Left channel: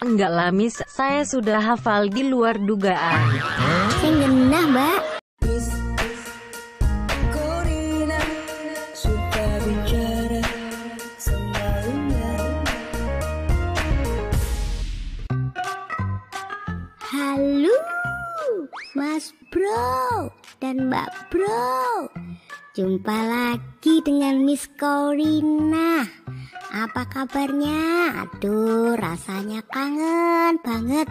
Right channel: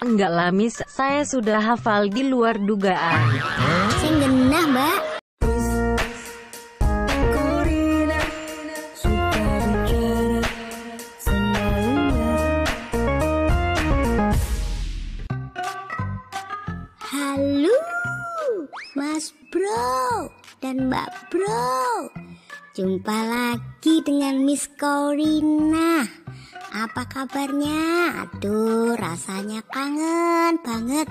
Enggak lah Miss, saya sudah hafal di luar dugaan. Sing genah, Mbak. Halo, Mas Bro dan Mbak Bro. Jumpa lagi dengan Miss Corina. Apa kabarnya? Aduh, rasanya kangen banget.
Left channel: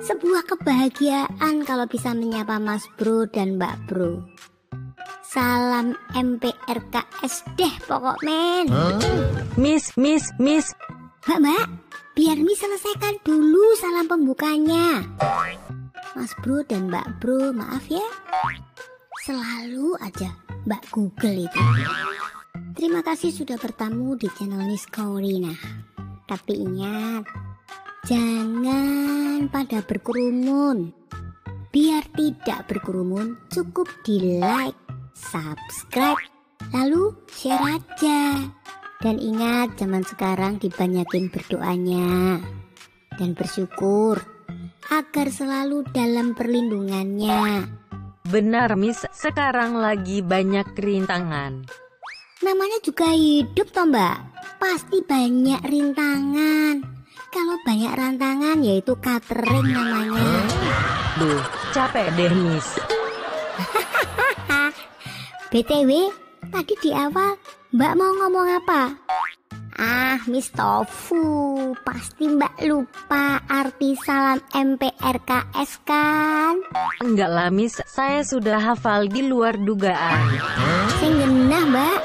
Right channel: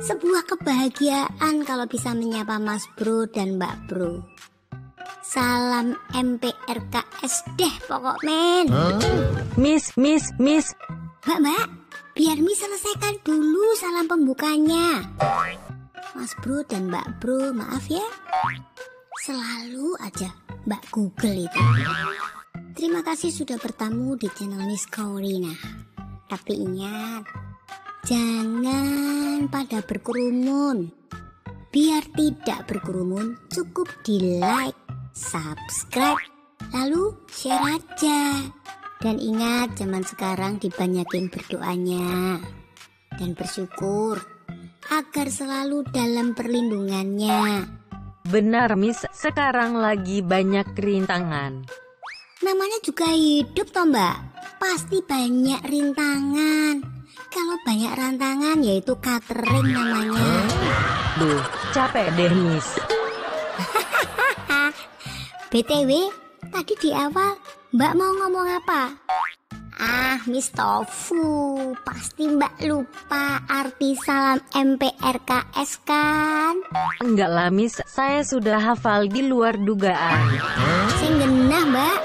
Sebuah kebahagiaan kalau bisa menyapa Mas Bro dan Mbak Bro. Salam MPRKS deh pokok men. Miss. Mbak, biar Miss selesaikan dulu salam pembukanya. Mas Bro dan Mbak Bro, maaf ya. Selalu aja Mbak Google itu. Terima kasih sudah bertamu di channel Miss Corina. Tapi ingat, jangan pada berkerumun. Biar tidak berkerumun, cukup di like, subscribe, lalu share aja. Dan ingat, zaman sekarang dibanyakin berdoanya dan bersyukur agar selalu dalam perlindungannya. Benar Miss, sekarang lagi banyak rintangan. Namanya juga hidup toh Mbak, pasti banyak rintangan. Kalau banyak rantangan yaitu catering namanya. Duh, capek deh Miss. BTW, tadi di awal Mbak mau ngomong apa? Miss Tofu, pasti Mbak lupa arti salam MPRKS kan? Enggak lah Miss, saya sudah hafal di luar dugaan. Sing genah Mbak,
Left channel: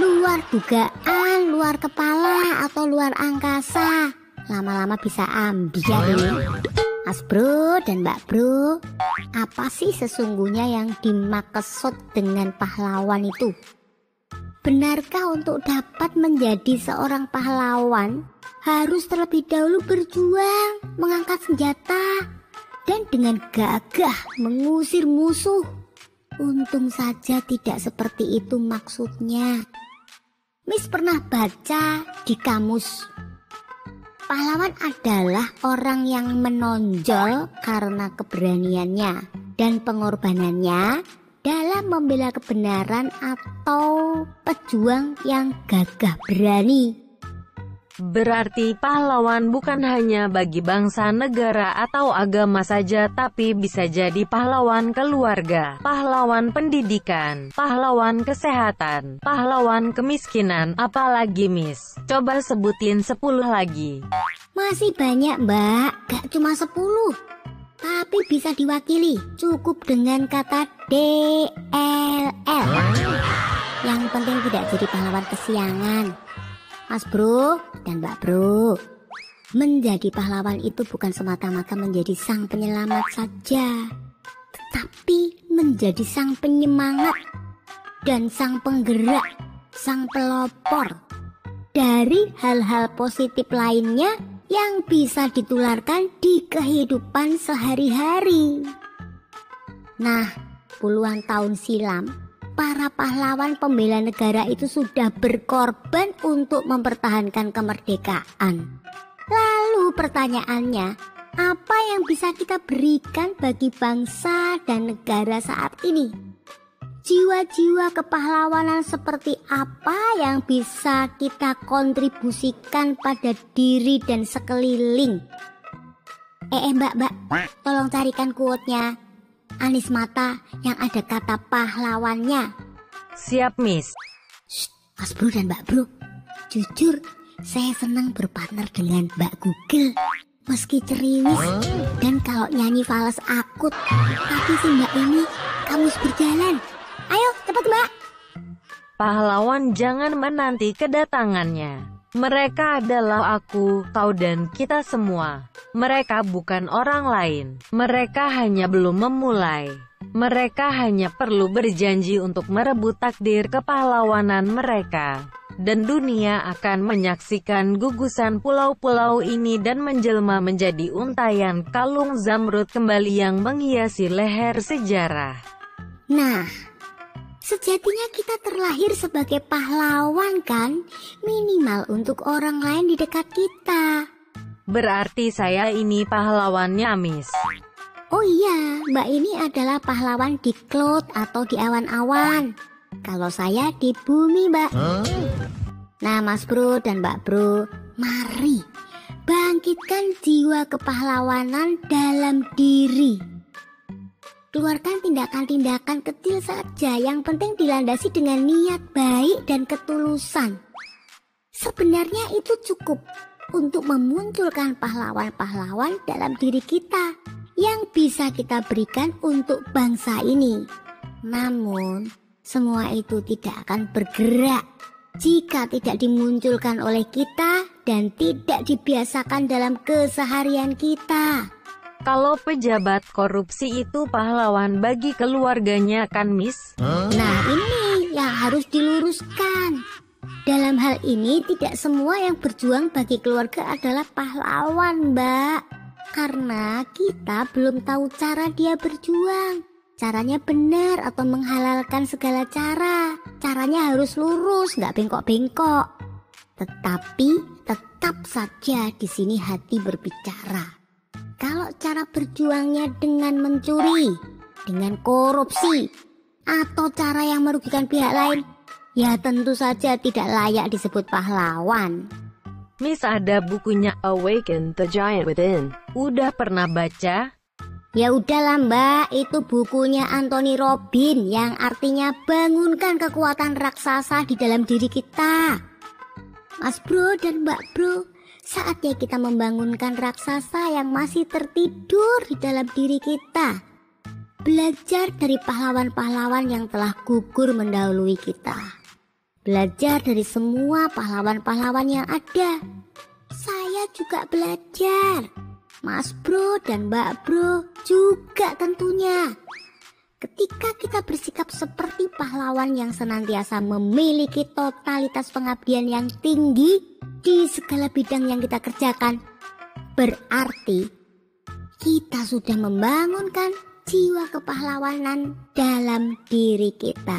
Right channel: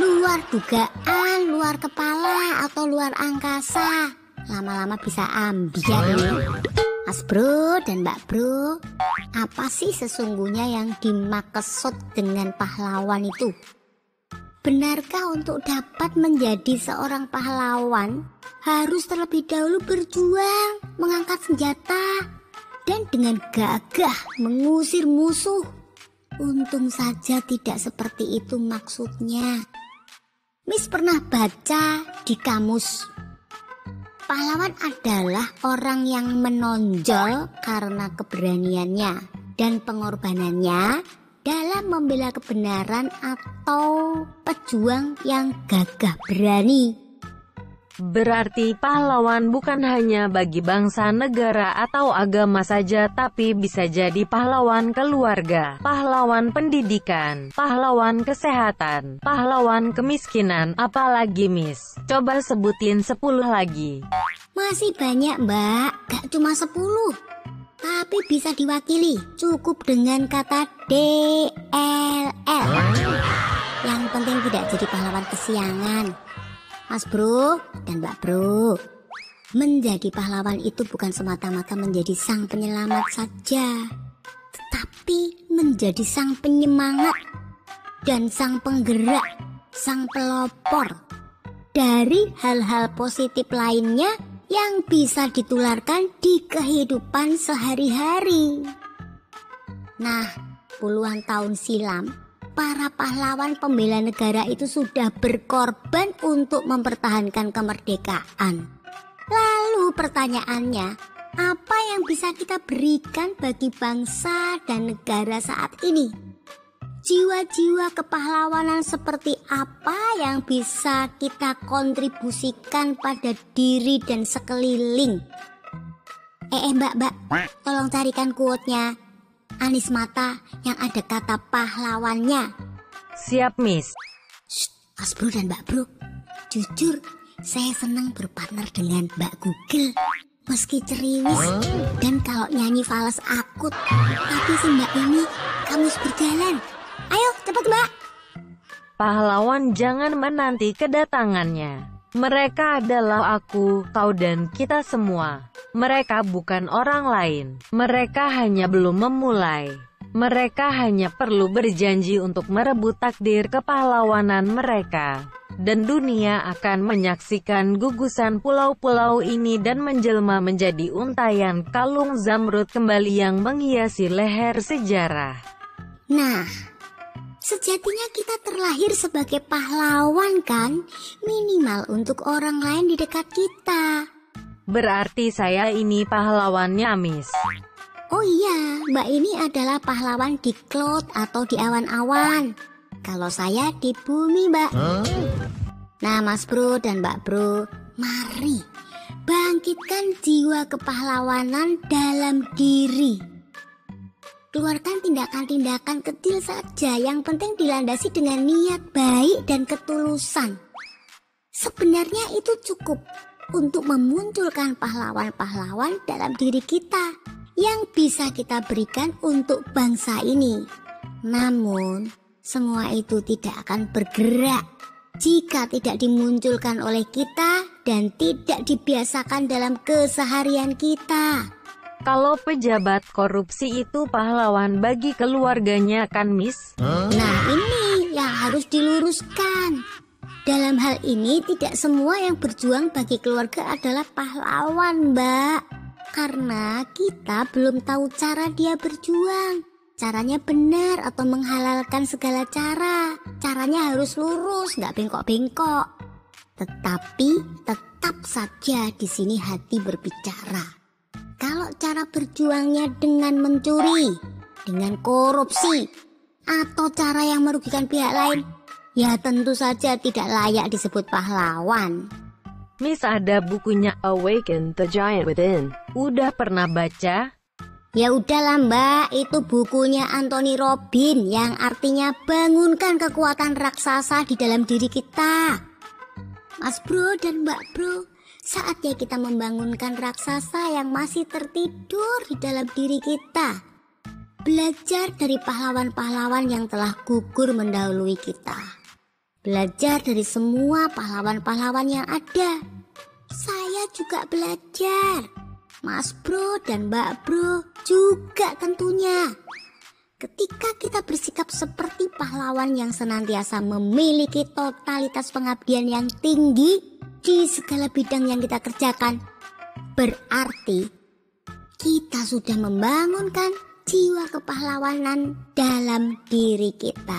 luar dugaan, luar kepala atau luar angkasa. Lama-lama bisa ambiar ini. Mas Bro dan Mbak Bro, apa sih sesungguhnya yang dimaksud dengan pahlawan itu? Benarkah untuk dapat menjadi seorang pahlawan harus terlebih dahulu berjuang, mengangkat senjata, dan dengan gagah mengusir musuh? Untung saja tidak seperti itu maksudnya. Miss pernah baca di kamus. Pahlawan adalah orang yang menonjol karena keberaniannya dan pengorbanannya dalam membela kebenaran atau pejuang yang gagah berani. Berarti pahlawan bukan hanya bagi bangsa, negara, atau agama saja, tapi bisa jadi pahlawan keluarga, pahlawan pendidikan, pahlawan kesehatan, pahlawan kemiskinan, apalagi Miss? Coba sebutin 10 lagi. Masih banyak Mbak, gak cuma 10. Tapi bisa diwakili cukup dengan kata DLL. Yang penting tidak jadi pahlawan kesiangan. Mas Bro dan Mbak Bro, menjadi pahlawan itu bukan semata-mata menjadi sang penyelamat saja, tetapi menjadi sang penyemangat dan sang penggerak, sang pelopor dari hal-hal positif lainnya yang bisa ditularkan di kehidupan sehari-hari. Nah, puluhan tahun silam, para pahlawan pembela negara itu sudah berkorban untuk mempertahankan kemerdekaan. Lalu pertanyaannya, apa yang bisa kita berikan bagi bangsa dan negara saat ini? Jiwa-jiwa kepahlawanan seperti apa yang bisa kita kontribusikan pada diri dan sekeliling? Mbak, tolong carikan quote-nya Anies Mata yang ada kata pahlawannya. Siap Miss. Mas Bro dan Mbak Bro, jujur saya senang berpartner dengan Mbak Google. Meski cerimis dan kalau nyanyi fals akut, tapi seenggaknya kamu berjalan. Ayo cepat Mbak. Pahlawan jangan menanti kedatangannya. Mereka adalah aku, kau dan kita semua. Mereka bukan orang lain. Mereka hanya belum memulai. Mereka hanya perlu berjanji untuk merebut takdir kepahlawanan mereka. Dan dunia akan menyaksikan gugusan pulau-pulau ini dan menjelma menjadi untayan kalung zamrud kembali yang menghiasi leher sejarah. Nah, sejatinya kita terlahir sebagai pahlawan kan? Minimal untuk orang lain di dekat kita. Berarti saya ini pahlawannya, Miss. Oh iya, Mbak ini adalah pahlawan di cloud atau di awan-awan. Kalau saya di bumi, Mbak. Nah, Mas Bro dan Mbak Bro, mari bangkitkan jiwa kepahlawanan dalam diri. Keluarkan tindakan-tindakan kecil saja, yang penting dilandasi dengan niat baik dan ketulusan. Sebenarnya itu cukup untuk memunculkan pahlawan-pahlawan dalam diri kita yang bisa kita berikan untuk bangsa ini. Namun, semua itu tidak akan bergerak jika tidak dimunculkan oleh kita dan tidak dibiasakan dalam keseharian kita. Kalau pejabat korupsi itu pahlawan bagi keluarganya kan, Miss? Nah, ini yang harus diluruskan. Dalam hal ini tidak semua yang berjuang bagi keluarga adalah pahlawan, Mbak. Karena kita belum tahu cara dia berjuang. Caranya benar atau menghalalkan segala cara. Caranya harus lurus, nggak bengkok-bengkok. Tetapi tetap saja di sini hati berbicara. Kalau cara berjuangnya dengan mencuri, dengan korupsi, atau cara yang merugikan pihak lain, ya tentu saja tidak layak disebut pahlawan. Miss, ada bukunya Awaken the Giant Within. Udah pernah baca? Ya udahlah Mbak, itu bukunya Anthony Robbins yang artinya bangunkan kekuatan raksasa di dalam diri kita. Mas Bro dan Mbak Bro, saatnya kita membangunkan raksasa yang masih tertidur di dalam diri kita. Belajar dari pahlawan-pahlawan yang telah gugur mendahului kita. Belajar dari semua pahlawan-pahlawan yang ada. Saya juga belajar. Mas Bro dan Mbak Bro juga tentunya. Ketika kita bersikap seperti pahlawan yang senantiasa memiliki totalitas pengabdian yang tinggi di segala bidang yang kita kerjakan, berarti kita sudah membangunkan jiwa kepahlawanan dalam diri kita.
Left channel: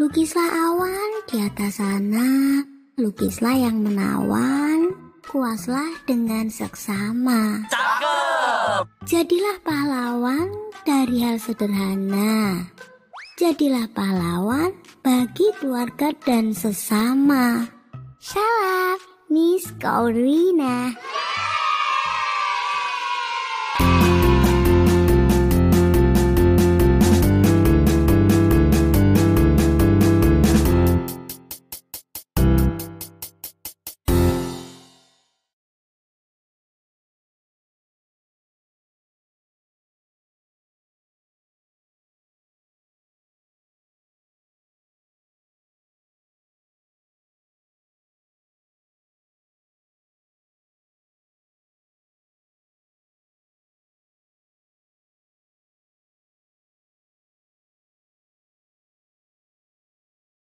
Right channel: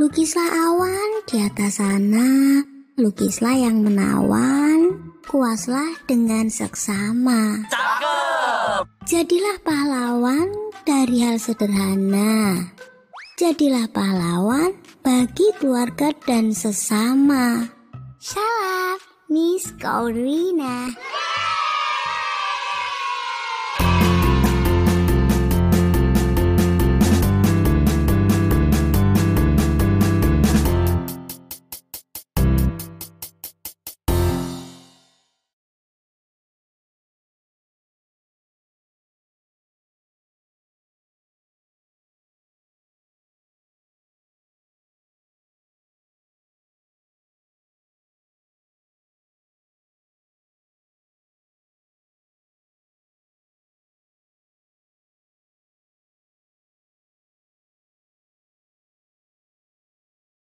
Lukislah awan di atas sana, lukislah yang menawan, puaslah dengan seksama. Cakep! Jadilah pahlawan dari hal sederhana. Jadilah pahlawan bagi keluarga dan sesama. Salam, Miss Corina.